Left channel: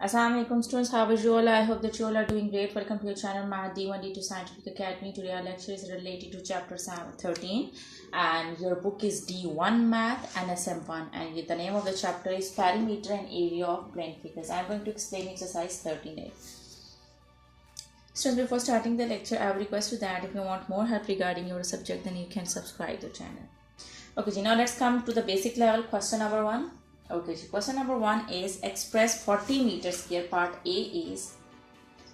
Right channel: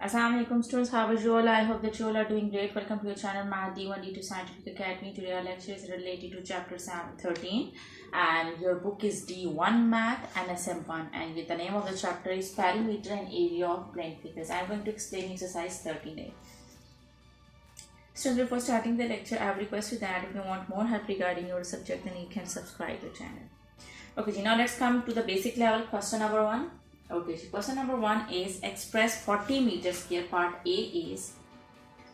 Assalamualaikum students, how is you all? I hope that you all are doing great. Welcome to your channel Math D1 D2 Scientific Academy. Today our lecture is related to chapter 13 and your book is D1 Math and SM1 and the name of the chapter is Perimeter and Area of Plane Figures. I am going to explain exercise 13A. So before starting the lecture, I have request you that if you want more help regarding your subject, then you can subscribe to the channel. Okay, now let's come to the basic level. Question number 1. Okay, so question number 1 is express 40 meters square. Part A is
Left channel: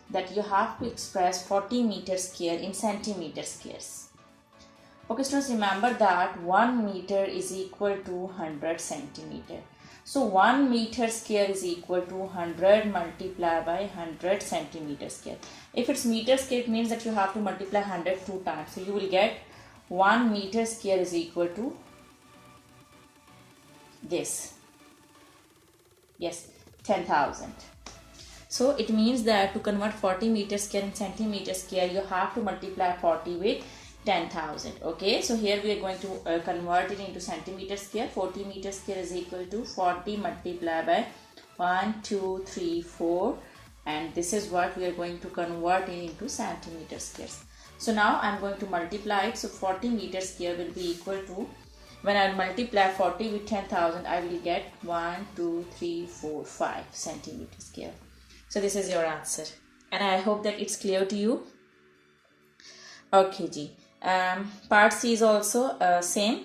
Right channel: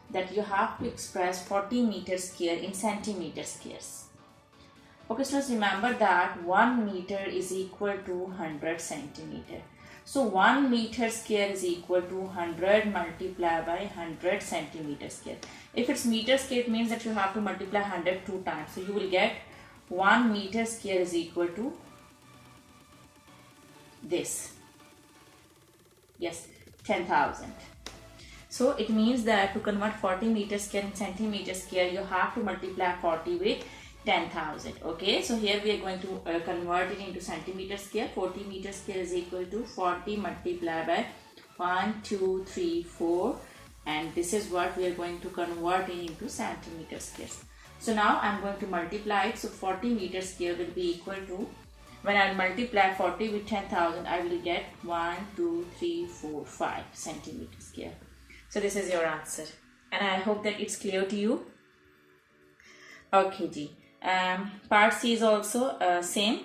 that you have to express 40 meters square in centimeter squares. Okay, students, remember that 1 meter is equal to 100 centimeter. So 1 meter square is equal to 100 multiplied by 100 centimeter square. If it's meter square, it means that you have to multiply 100 2 times. So you will get 1 meter square is equal to this. Yes, 10,000. So it means that to convert 40 meters square in centimeter square, you have to multiply 40 with 10,000. Okay, so here we are going to convert it into centimeter square. 40 meters square is equal to 40 multiplied by 1, 2, 3, 4. And this is what we are going to convert it into centimeter squares. So now I am going to multiply it. So 40 meters square will be equal to, when I multiply 40 with 10,000, I will get 1, 2, 3, 4, 5 centimeter square. So this is your answer. And I hope that it's clear to you. Okay, G. Part C is also same.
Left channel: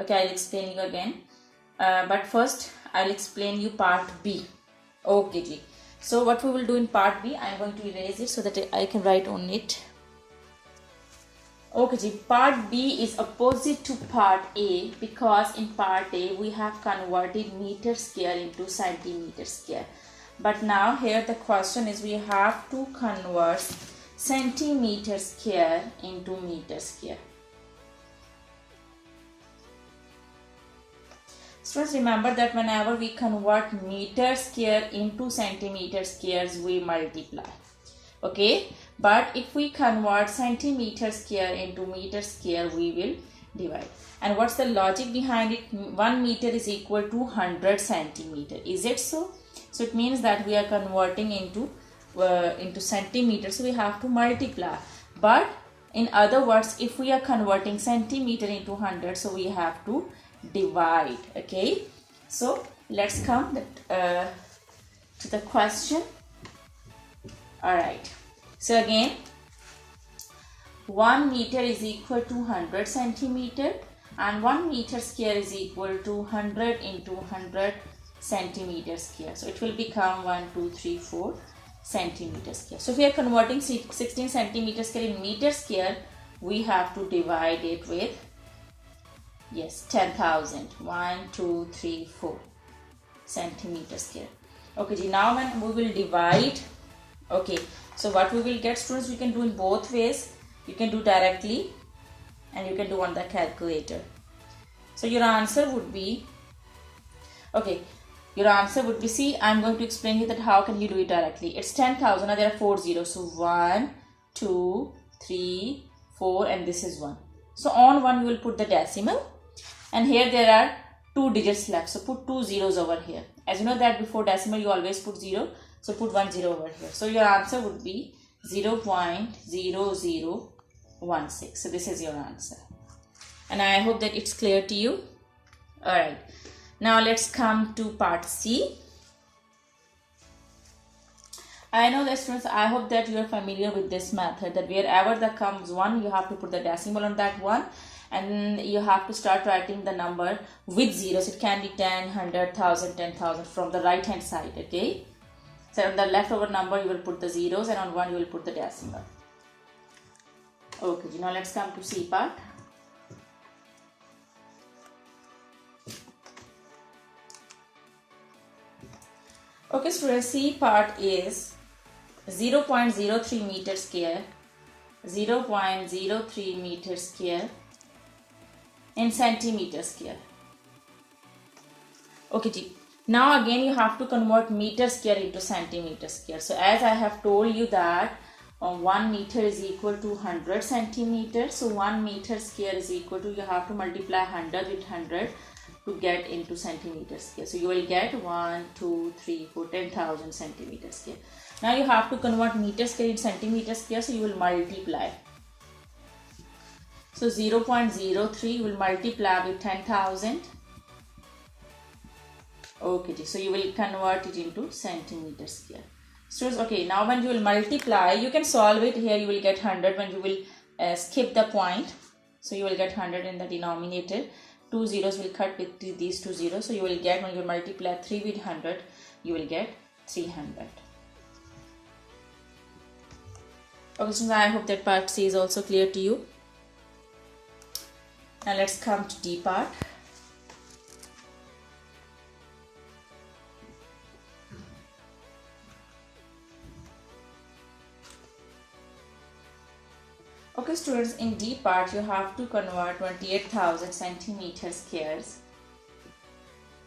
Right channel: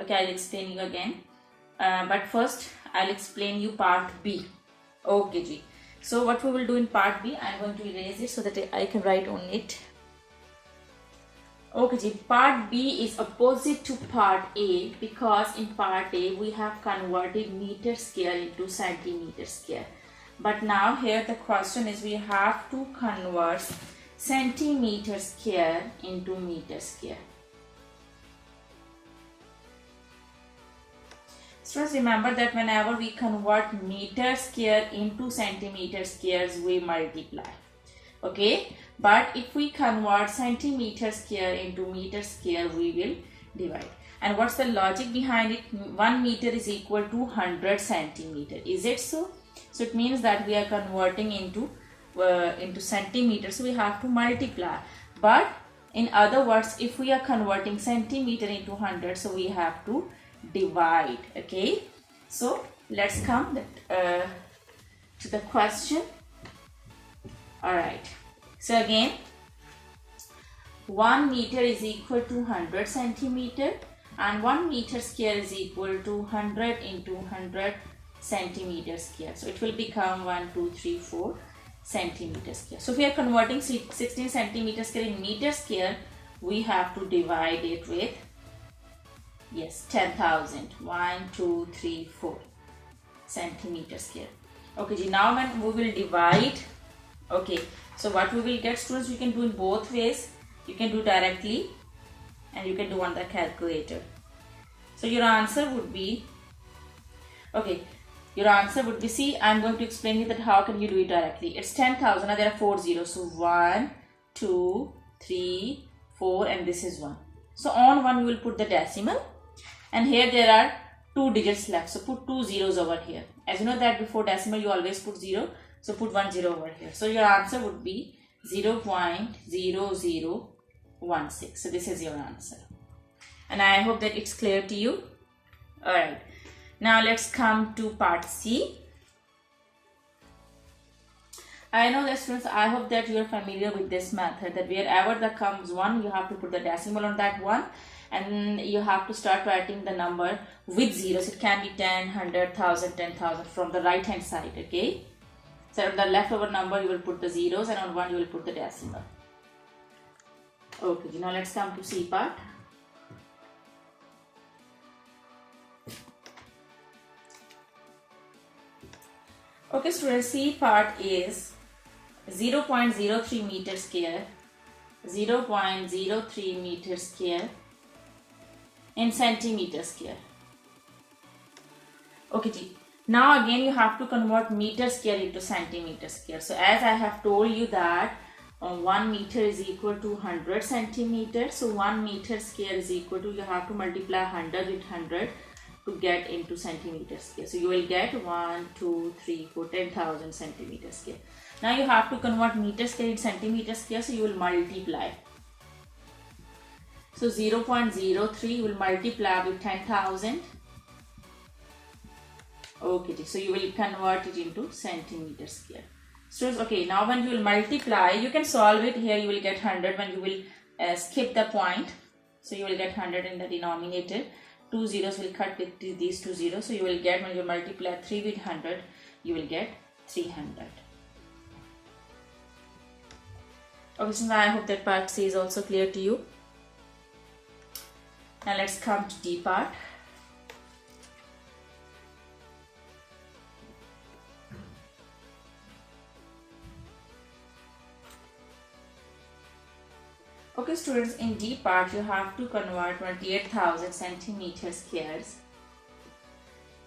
Okay, I'll explain you again. But first, I'll explain you part B. Okay, G. So what we will do in part B, I'm going to erase it so that I can write on it. Okay, Ji, part B is opposite to part A because in part A we have converted meter square into centimeter square. But now here the question is we have to convert centimeter square into meter square. So remember that whenever we convert meter square into centimeter squares, we multiply. Okay, but if we convert centimeter square into meter square, we will divide. And what's the logic behind it? 1 meter is equal to 100 centimeter. Is it so? So it means that we are converting into centimeter, so we have to multiply. But in other words, if we are converting centimeter into 100, so we have to divide. Okay, so let's come to the question. Alright, so again 1 meter is equal to 100 centimeter and 1 meter square is equal to 100 into 100 centimeter square. So it will become 1, 2, 3, 4 centimeter square. So if we are converting 16 centimeter square in meter square, we have to divide it with, yes, 10,000. 1, 2, 3, 4 centimeter square. Okay, now when we will divide, okay, so what we will get, students, we can do in both ways. You can do directly and you can do on the calculator. So your answer would be, okay, your answer would be, see, I'm going to explain you that how can you do it directly. It's 10,000, now there are 4 zeros. So 1, 2, 3, 4 and this is 1. So on 1 you will put the decimal and here there are 2 digits left. So put 2 zeros over here. As you know that before decimal you always put 0. So put 1 0 over here. So your answer would be 0.0016. So this is your answer. And I hope that it's clear to you. Alright. Now let's come to part C. I know that, students, I hope that you are familiar with this method, that wherever there comes 1, you have to put the decimal on that 1. And you have to start writing the number with zeros. It can be 10, 100, 1000, 10,000 from the right hand side. Okay. So on the leftover number you will put the zeros and on 1 you will put the decimal. Okay, now let's come to C part. Okay, students, C part is 0.03 meter square, 0.03 meter square in centimeter square. Okay, now again you have to convert meter square into centimeter square. So as I have told you that 1 meter is equal to 100 centimeters. So 1 meter square is equal to, you have to multiply 100 with 100. to get into centimeter square. So you will get 1, 2, 3, 4, 10,000 centimeter square. Now you have to convert meter square in centimeter square, so you will multiply. So 0.03 you will multiply with 10,000. Okay, so you will convert it into centimeter square. So okay, now when you will multiply, you can solve it. Here you will get 100 when you will skip the point. So you will get 100 in the denominator. 2 zeros will cut with these 2 zeros. So you will get, when you multiply 3 with 100, you will get 300. Okay, so I hope that part C is also clear to you. Now let's come to D part. Okay students, in D part you have to convert 28,000 centimeter squares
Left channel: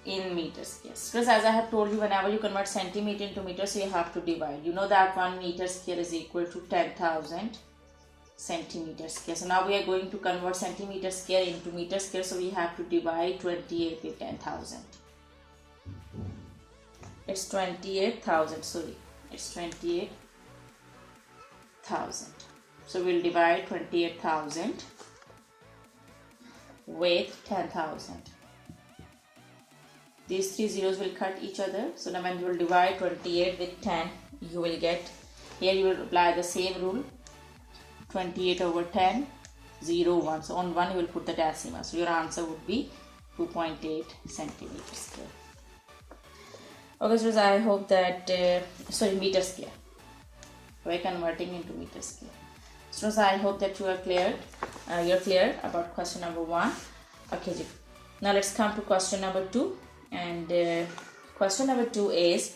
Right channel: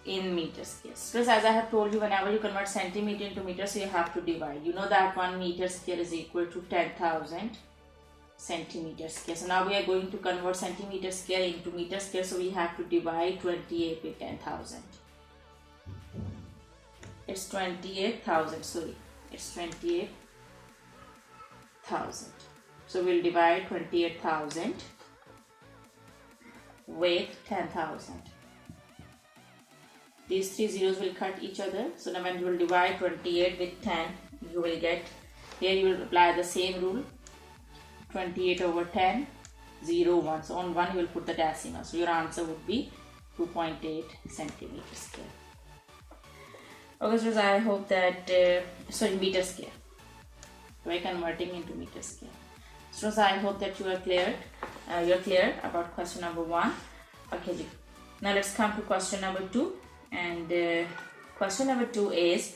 in meter squares. Because as I have told you, whenever you convert centimeter into meters, so you have to divide. You know that 1 meter square is equal to 10,000 centimeter square. So now we are going to convert centimeter square into meter square. So we have to divide 28 with 10,000. It's 28,000. Sorry, it's 28,000. So we'll divide 28,000 with 10,000. These 3 zeros will cut each other. So now when you will divide 28 with 10, you will get, here you will apply the same rule. 28 over 10, 0, 1. So on 1 you will put the decimal. So your answer would be 2.8 centimeters square. Okay, so I hope that, meter square. We're converting into meter square. So I hope that you are clear. You're clear about question number 1. Okay, now let's come to question number 2. And question number 2 is,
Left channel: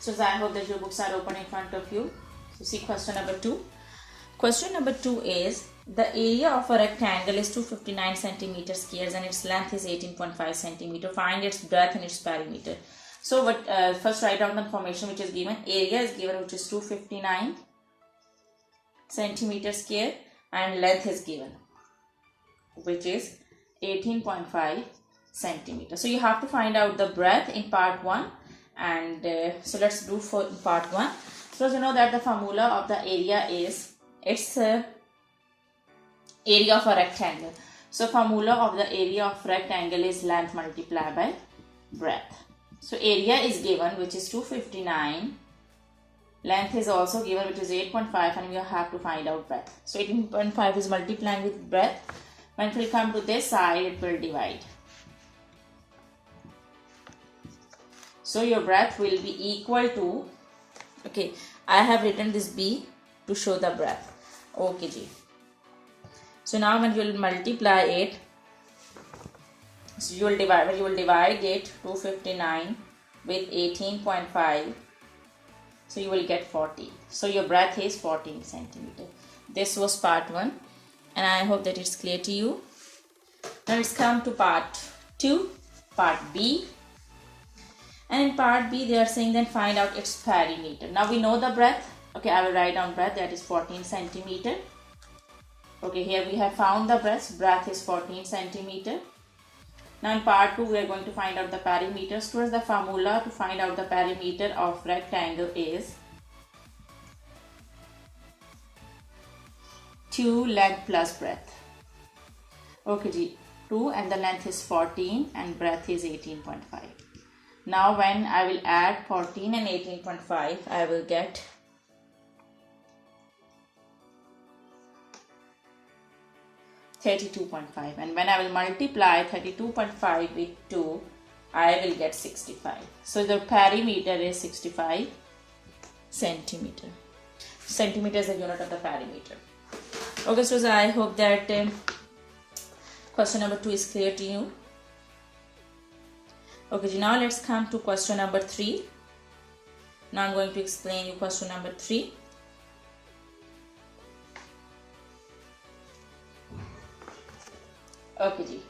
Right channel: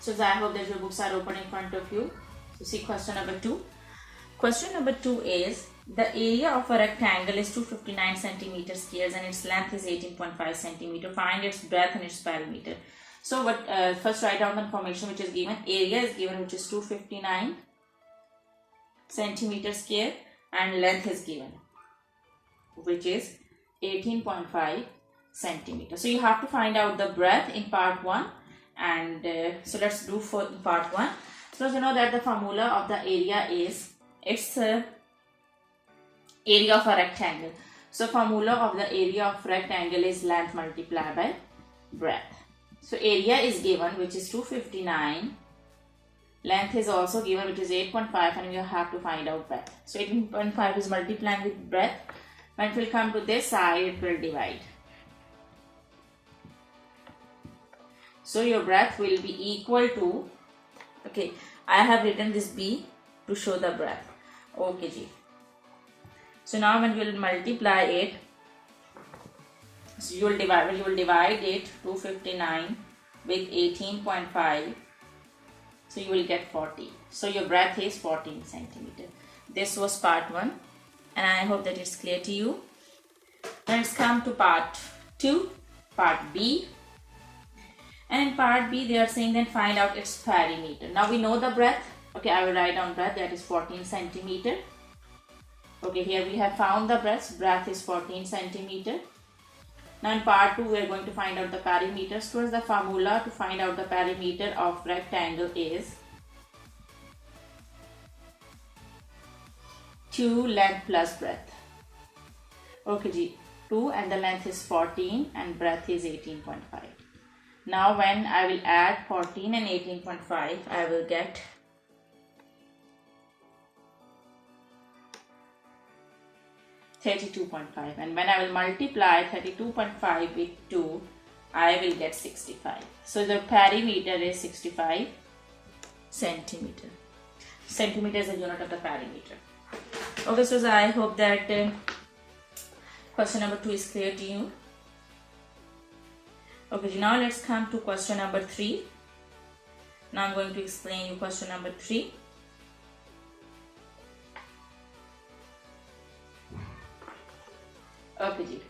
so I hope that your books are open in front of you. So see question number 2. Question number 2 is, the area of a rectangle is 259 centimeter squares and its length is 18.5 centimeter. Find its breadth and its perimeter. So what, first write down the information which is given. Area is given, which is 259 centimeter square, and length is given, which is 18.5 centimeter. So you have to find out the breadth in part 1. And so let's do for part 1. So you know that the formula of the area is, it's area of a rectangle. So formula of the area of rectangle is length multiplied by breadth. So area is given, which is 259. Length is also given, which is 8.5, and we have to find out breadth. So 18.5 is multiplying with breadth. When it will come to this side, it will divide. So your breadth will be equal to, okay, I have written this B to show the breadth. Okay, Ji. So now when you will multiply it, so you will divide it 259 with 18.5. So you will get 40. So your breadth is 14 centimeter. This was part 1, and I hope that it's clear to you. Now let's come to part 2, part B. And in part B, they are saying then find out its perimeter. Now we know the breadth. Okay, I will write down breadth, that is 14 centimeter. Okay, here we have found the breadth. Breadth is 14 centimeter. Now in part 2, we are going to find out the perimeter. Students, the formula to find out the perimeter of rectangle is 2 length plus breadth. Okay, Ji. 2 and the length is 14 and breadth is 18.5. Now when I will add 14 and 18.5, I will get 32.5, and when I will multiply 32.5 with 2, I will get 65. So the perimeter is 65 centimeter. Centimeter is the unit of the perimeter. Okay, so I hope that question number 2 is clear to you. Okay, now let's come to question number 3. Now I'm going to explain you question number 3. Okay, Ji.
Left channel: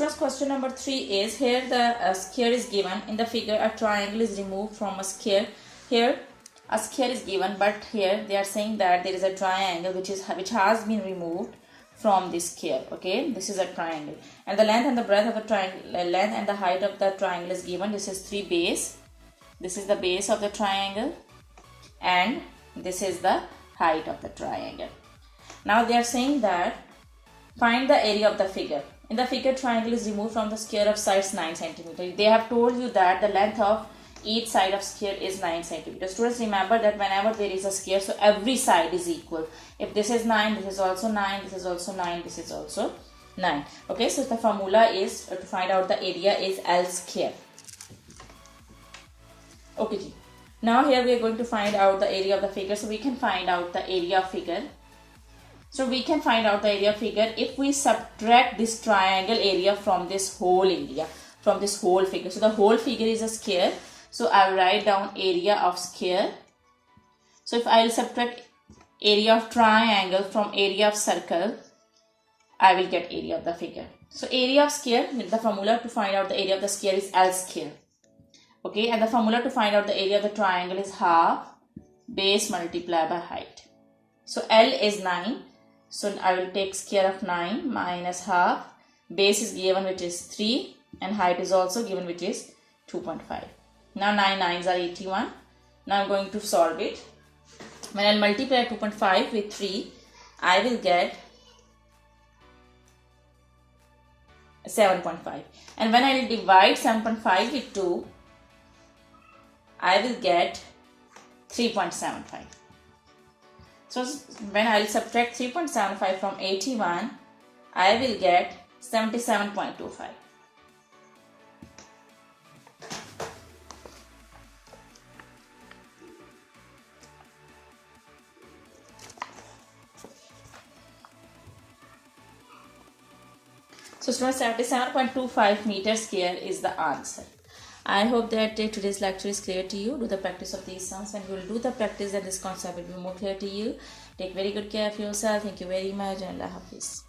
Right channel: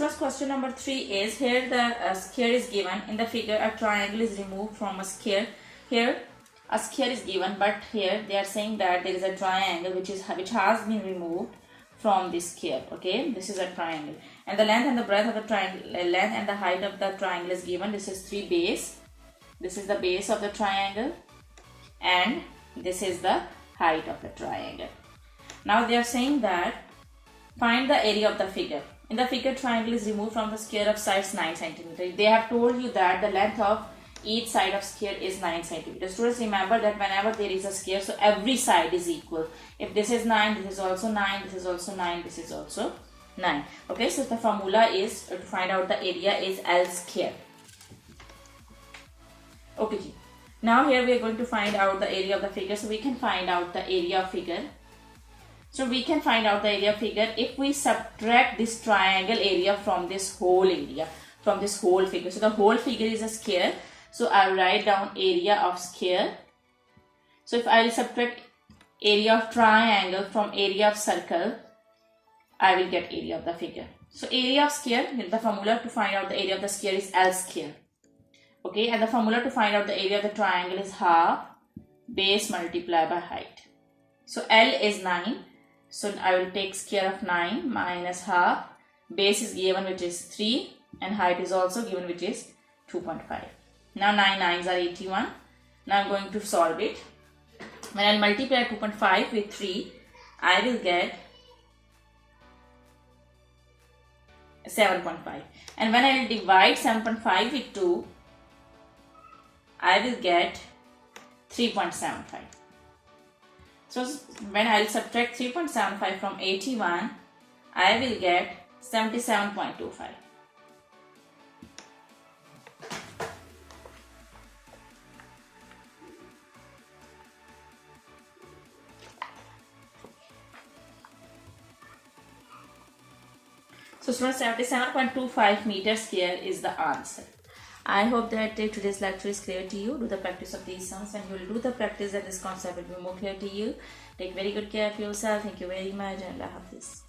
students, question number 3 is, here the sphere is given. In the figure, a triangle is removed from a sphere. Here a sphere is given, but here they are saying that there is a triangle which has been removed from this sphere. Okay, this is a triangle, and the length and the breadth of the triangle, length and the height of the triangle is given. This is 3 base. This is the base of the triangle, and this is the height of the triangle. Now they are saying that find the area of the figure. In the figure, triangle is removed from the sphere of sides 9 cm. They have told you that the length of each side of sphere is 9 cm. Students, remember that whenever there is a sphere, so every side is equal. If this is 9, this is also 9, this is also 9, this is also 9. Okay, so the formula is to find out the area is L square. Okay, now here we are going to find out the area of the figure. So we can find out the area of figure. So we can find out the area figure if we subtract this triangle area from this whole area, from this whole figure. So the whole figure is a square. So I write down area of square. So if I will subtract area of triangle from area of circle, I will get area of the figure. So area of square, the formula to find out the area of the square is L square. Okay, and the formula to find out the area of the triangle is half base multiplied by height. So L is 9. So I will take square of 9 minus half. Base is given, which is 3, and height is also given, which is 2.5. Now 9 9s are 81. Now I'm going to solve it. When I multiply 2.5 with 3, I will get 7.5. And when I divide 7.5 with 2, I will get 3.75. So when I will subtract 3.75 from 81, I will get 77.25. So students, 77.25 meters square is the answer. I hope that today's lecture is clear to you. Do the practice of these sums. When you will do the practice, then this concept will be more clear to you. Take very good care of yourself. Thank you very much, and Allah Hafiz.